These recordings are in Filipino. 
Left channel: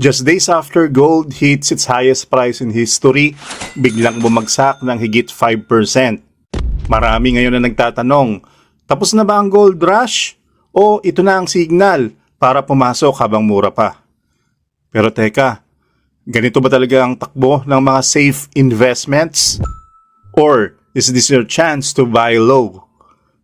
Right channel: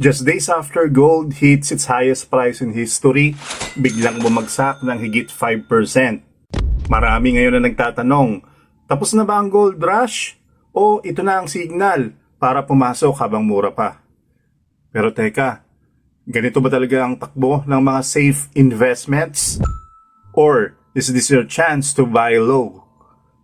Just days after gold hits its highest price in history, biglang bumagsak ng higit 5%. Marami ngayon na nagtatanong, tapos na ba ang gold rush? O ito na ang signal para pumasok habang mura pa? Pero teka, ganito ba talaga ang takbo ng mga safe investments? Or is this your chance to buy low?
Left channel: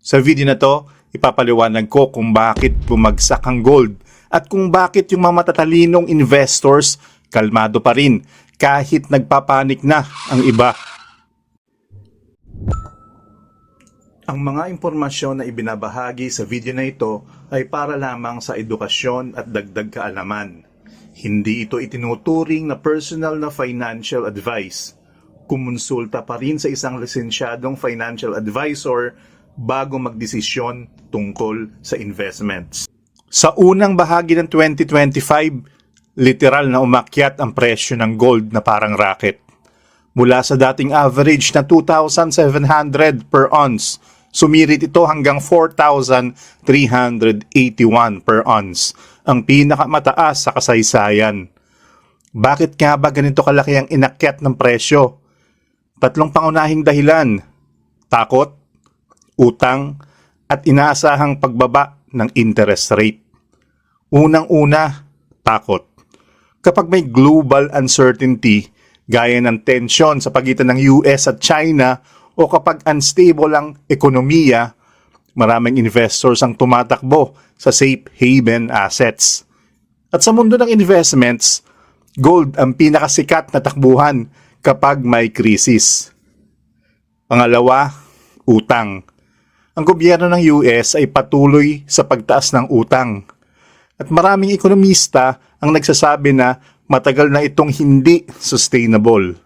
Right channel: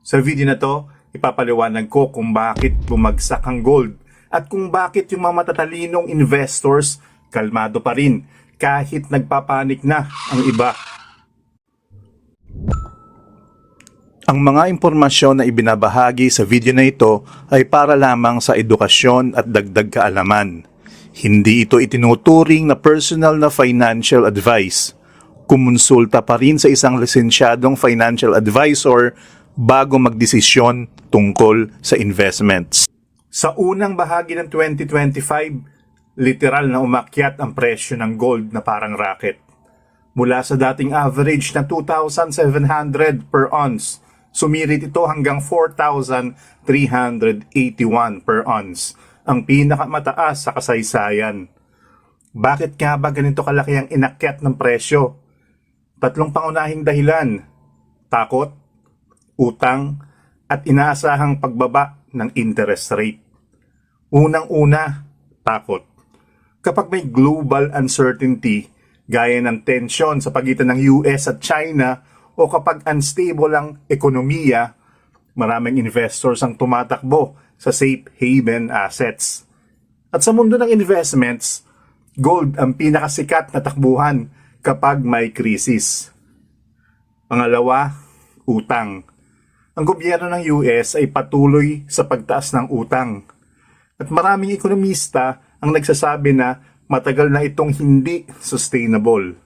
Sa video na to, ipapaliwanag ko kung bakit bumagsak ang gold at kung bakit yung mga matatalinong investors kalmado pa rin kahit nagpapanik na ang iba. Ang mga impormasyon na ibinabahagi sa video na ito ay para lamang sa edukasyon at dagdag kaalaman. Hindi ito itinuturing na personal na financial advice. Kumonsulta pa rin sa isang lisensyadong financial advisor bago magdesisyon tungkol sa investments. Sa unang bahagi ng 2025, literal na umakyat ang presyo ng gold na parang racket. Mula sa dating average na 2,700 per ounce, sumirit ito hanggang 4,381 per ounce, ang pinakamataas sa kasaysayan. Bakit nga ba ganito kalaki ang inakyat ng presyo? Tatlong pangunahing dahilan. Takot, utang, at inaasahang pagbaba ng interest rate. Unang-una, takot. Kapag may global uncertainty, gaya ng tensyon sa pagitan ng US at China o kapag unstable ang ekonomiya, maraming investors ang tumatakbo sa safe haven assets. At sa mundo ng investments, gold ang pinakasikat na takbuhan kapag may krisis. Pangalawa, utang. Ang gobyerno ng US ay patuloy sa pagtaas ng utang. At maraming ekonomista ang nagsasabi na matagal na itong hindi sustainable.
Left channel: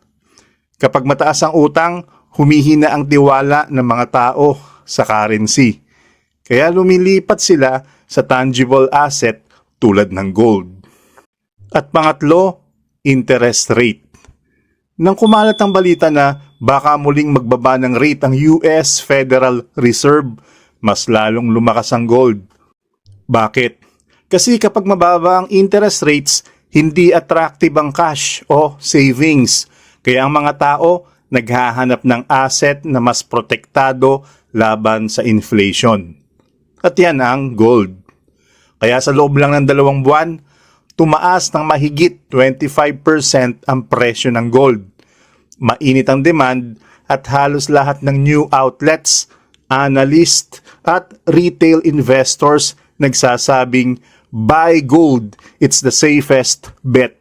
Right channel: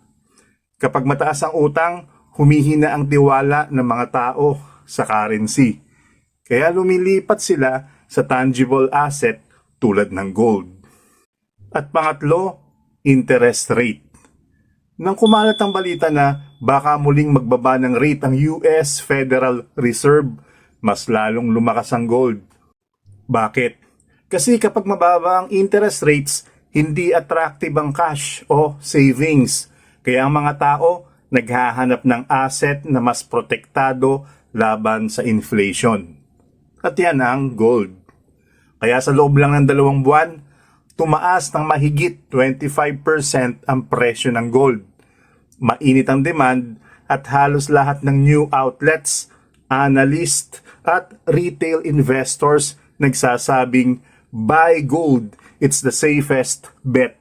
Kapag mataas ang utang, humihina ang tiwala ng mga tao sa currency. Kaya lumilipat sila sa tangible asset tulad ng gold. At pangatlo, interest rate. Nang kumalat ang balita na baka muling magbaba ng rate ang US Federal Reserve, mas lalong lumakas ang gold. Bakit? Kasi kapag mababa ang interest rates, hindi attractive ang cash o savings. Kaya ang mga tao naghahanap ng asset na mas protektado laban sa inflation. At yan ang gold. Kaya sa loob lang ng dalawang buwan, tumaas ng mahigit 25% ang presyo ng gold. Mainit ang demand at halos lahat ng new outlets, analyst at retail investors nagsasabing buy gold, it's the safest bet.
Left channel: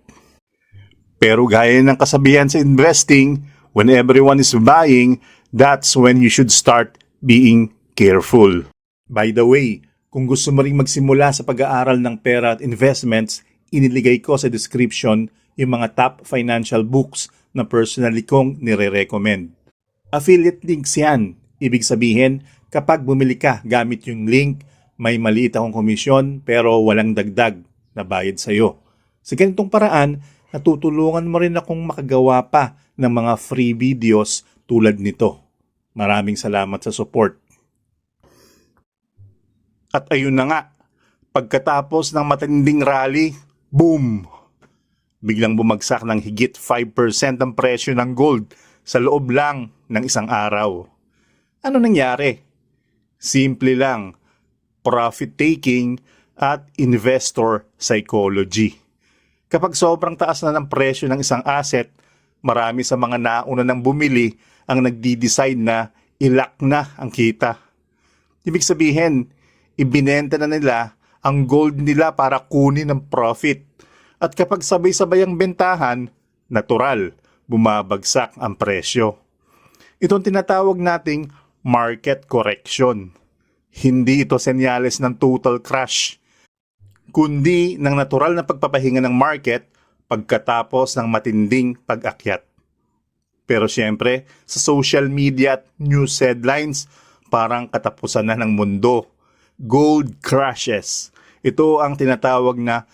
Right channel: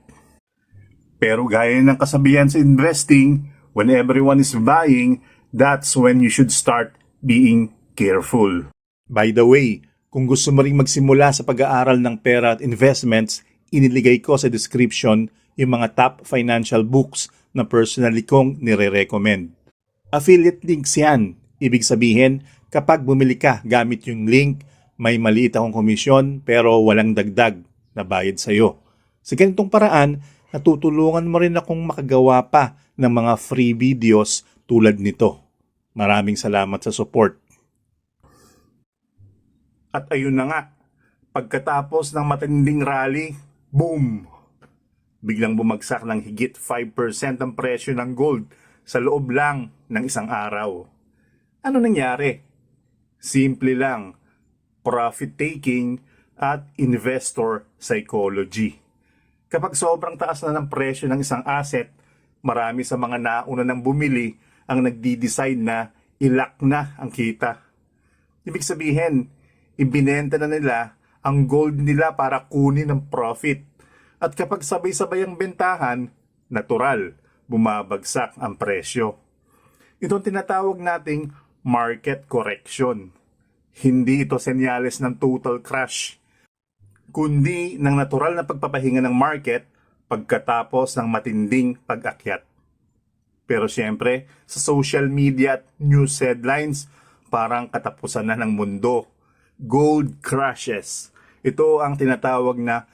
Pero gaya ng kasabihan sa investing, when everyone is buying, that's when you should start being careful. By the way, kung gusto mo ring magsimula sa pag-aaral ng pera at investments, iniligay ko sa description yung mga top financial books na personally kong nire-recommend. Affiliate links yan. Ibig sabihin, kapag bumili ka gamit yung link, may maliit akong komisyon pero walang dagdag na bayad sa'yo. Sa ganitong paraan, natutulungan mo rin akong makagawa pa ng mga free videos tulad nito. Maraming salamat sa support. At ayun na nga, pagkatapos ng matinding rally, boom! Biglang bumagsak ng higit 5% ang presyo ng gold sa loob lang ng isang araw. Ano nangyari? Simple lang, profit taking at investor psychology. Kapag sobrang taas na ng presyo ng isang asset, marami sa mga nauna nang bumili ang nagdi-decide na ilak na ang kita. Ibig sabihin, ibinenta na nila ang gold nila para kunin ang profit. At kapag sabay-sabay ang bentahan, natural, bumabagsak ang presyo. Itong tinatawag nating market correction. Hindi ito senyales ng total crash, kundi ng natural na pagpapahinga ng market pagkatapos ng matinding pag-akyat. Pero siyempre, sa social media at news headlines, parang katapusan na ng mundo. Gold crashes. Ito ang tinatawag na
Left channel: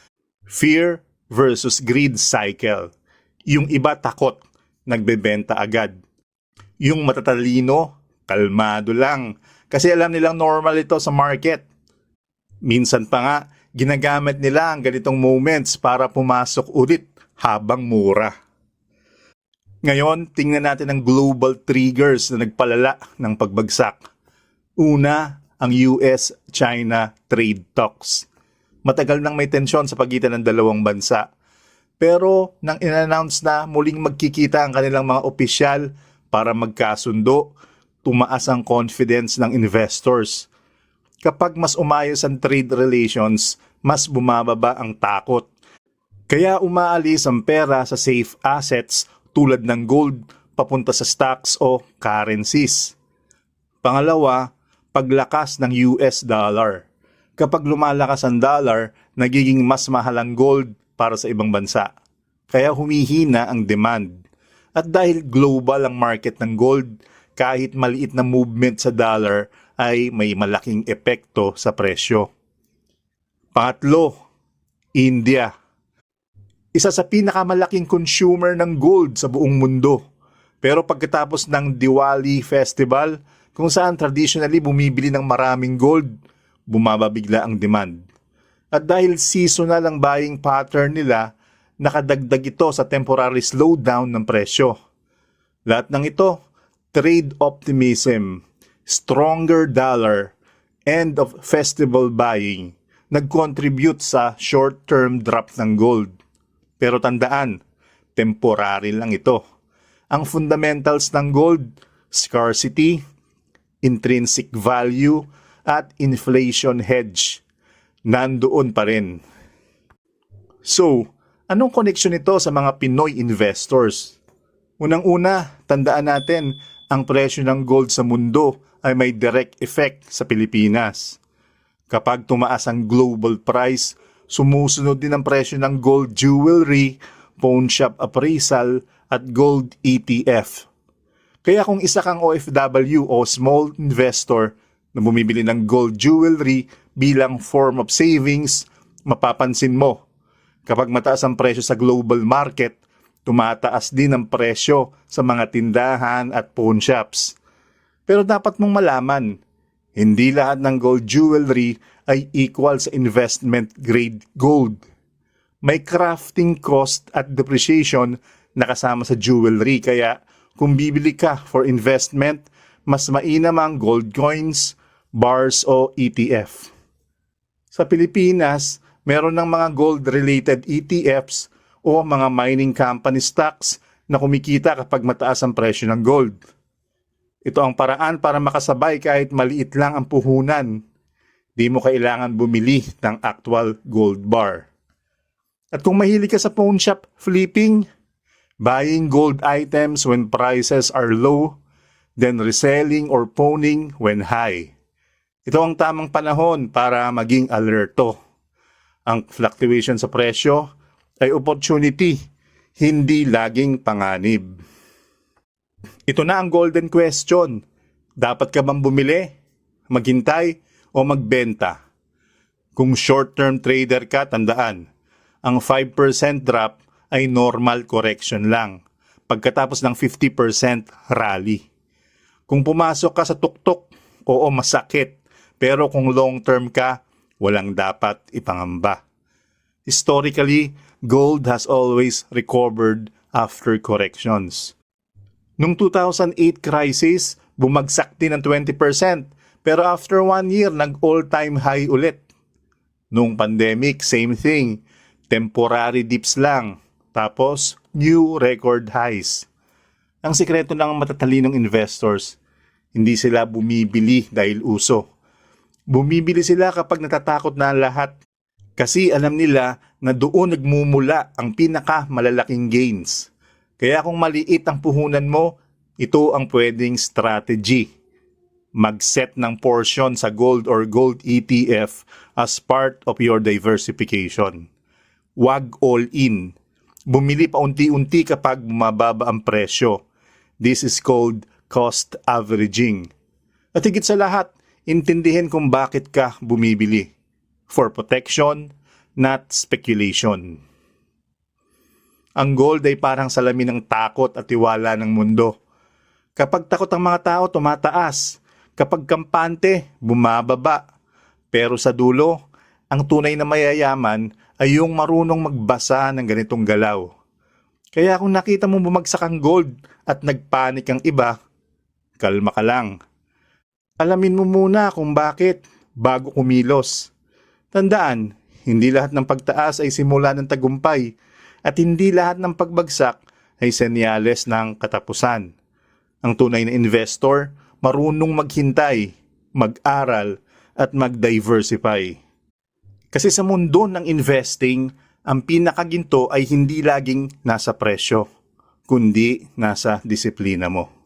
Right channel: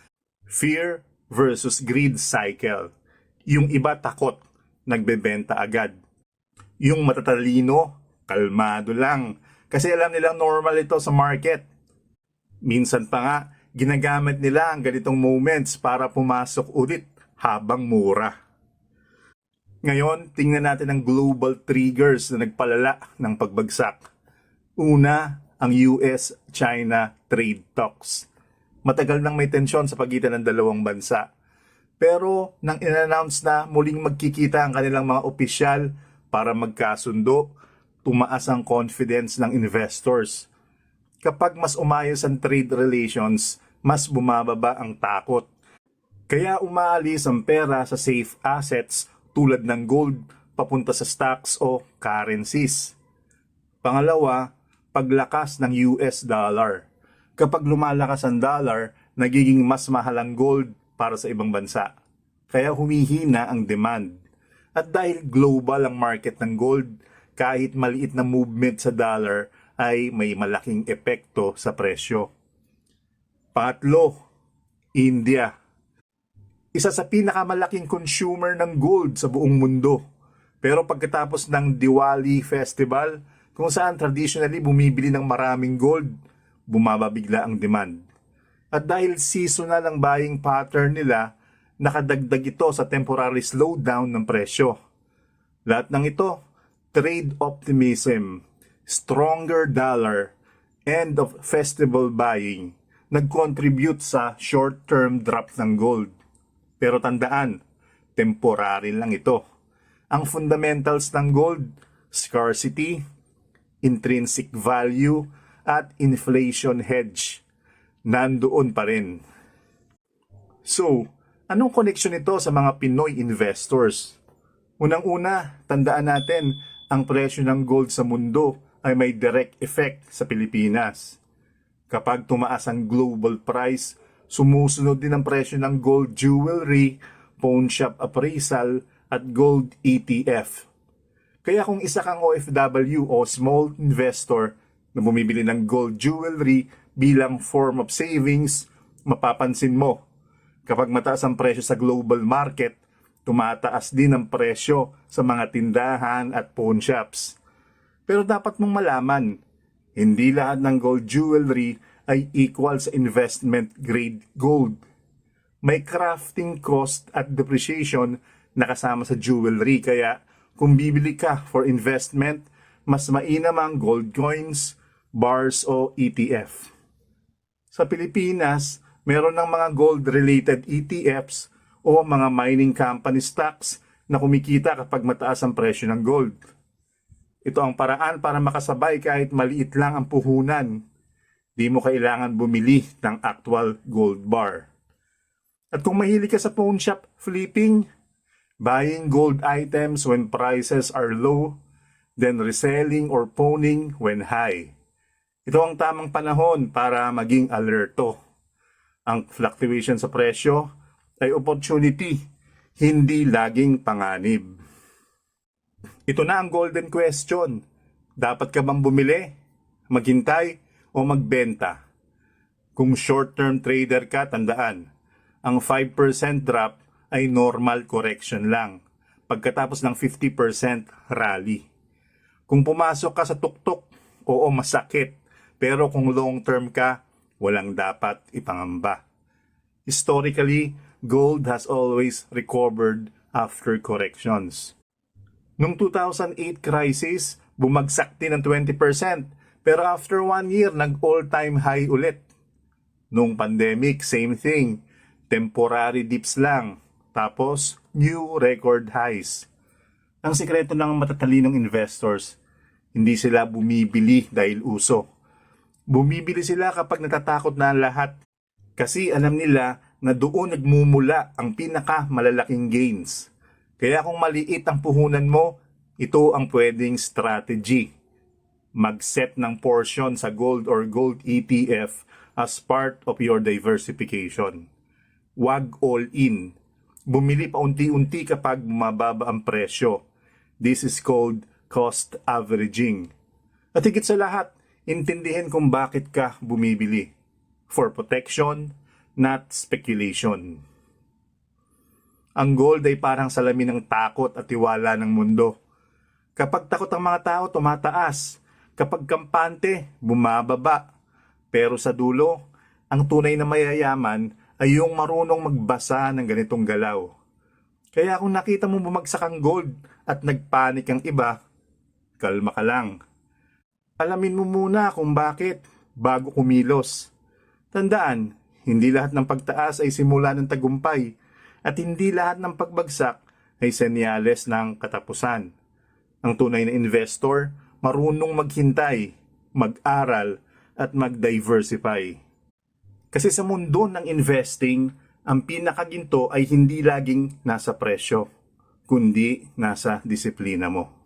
fear versus greed cycle. Yung iba takot, nagbebenta agad. Yung matatalino, kalmado lang. Kasi alam nilang normal ito sa market. Minsan pa nga, Ginagamit nila ang ganitong moments para pumasok ulit habang mura. Ngayon, tingnan natin ang global triggers na nagpalala ng pagbagsak. Una, ang US-China trade talks. Matagal nang may tensyon sa pagitan ng dalawang bansa. Pero nang in-announce na muling magkikita ang kanilang mga opisyal para magkasundo, tumaas ang confidence ng investors. Kapag mas umayos ang trade relations, mas bumababa ang takot. Kaya umaalis ang pera sa safe assets tulad ng gold papunta sa stocks o currencies. Pangalawa, paglakas ng US dollar. Kapag lumalakas ang dollar, nagiging mas mahal ang gold para sa ibang bansa. Kaya humihina ang demand. At dahil global ang market ng gold, kahit maliit na movement sa dollar ay may malaking epekto sa presyo. Pangatlo, India. Isa sa pinakamalaking consumer ng gold sa buong mundo. Pero pagkatapos ng Diwali Festival, kung saan traditionally bumibili ng maraming gold, bumaba bigla ang demand. At dahil seasonal ang buying pattern nila, nakadagdag ito sa temporary slowdown ng presyo. Lahat ng ito, trade optimism, stronger dollar, end of festival buying, nag-contribute sa short-term drop ng gold. Pero tandaan, temporary lang ito. Ang fundamentals ng gold, scarcity, intrinsic value, at inflation hedge, nandoon pa rin. So, anong connection nito sa mga Pinoy investors? Unang-una, tandaan natin, ang presyo ng gold sa mundo ay may direct effect sa Pilipinas. Kapag tumaas ang global price, sumusunod din ang presyo ng gold jewelry, pawn shop appraisal, at gold ETF. Kaya kung isa kang OFW o small investor na bumibili ng gold jewelry bilang form of savings, mapapansin mo, kapag mataas ang presyo sa global market, tumataas din ang presyo sa mga tindahan at pawn shops. Pero dapat mong malaman, hindi lahat ng gold jewelry ay equal sa investment grade gold. May crafting cost at depreciation na kasama sa jewelry kaya kung bibili ka for investment, mas mainam ang gold coins, bars o ETF. Sa Pilipinas, meron ng mga gold-related ETFs o mga mining company stocks na kumikita kapag mataas ang presyo ng gold. Ito ang paraan para makasabay kahit maliit lang ang puhunan. Di mo kailangan bumili ng actual gold bar. At kung mahilig ka sa pawn shop flipping, buying gold items when prices are low, then reselling or pawning when high. Ito ang tamang panahon para maging alerto. Ang fluctuation sa presyo ay opportunity, hindi laging panganib. Ito na ang golden question. Dapat ka bang bumili, maghintay, o magbenta? Kung short-term trader ka, tandaan, ang 5% drop ay normal correction lang pagkatapos ng 50% rally. Kung pumasok ka sa tuktok, oo masakit, pero kung long term ka, walang dapat ipangamba. Historically, gold has always recovered after corrections. Nung 2008 crisis, bumagsak din ng 20%, pero after one year, nag-all-time high ulit. Nung pandemic, same thing. Temporary dips lang. Tapos, new record highs. Ang sikreto ng matatalinong investors, hindi sila bumibili dahil uso. Bumibili sila kapag natatakot na ang lahat kasi alam nila na doon nagmumula ang pinaka malalaking gains. Kaya kung maliit ang puhunan mo, ito ang pwedeng strategy. Mag-set ng portion sa gold or gold ETF as part of your diversification. Wag all in. Bumili pa unti-unti kapag bumababa ang presyo. This is called cost averaging. At higit sa lahat, intindihin kung bakit ka bumibili. For protection, not speculation. Ang gold ay parang salamin ng takot at tiwala ng mundo. Kapag takot ang mga tao, tumataas. Kapag kampante, bumababa. Pero sa dulo, Ang tunay na mayayaman ay yung marunong magbasa ng ganitong galaw. Kaya kung nakita mo bumagsak ang gold at nagpanik ang iba, kalma ka lang. Alamin mo muna kung bakit bago kumilos. Tandaan, hindi lahat ng pagtaas ay simula ng tagumpay at hindi lahat ng pagbagsak ay senyales ng katapusan. Ang tunay na investor, marunong maghintay, mag-aral at mag-diversify. Kasi sa mundo ng investing, ang pinakaginto ay hindi laging nasa presyo, kundi nasa disiplina mo.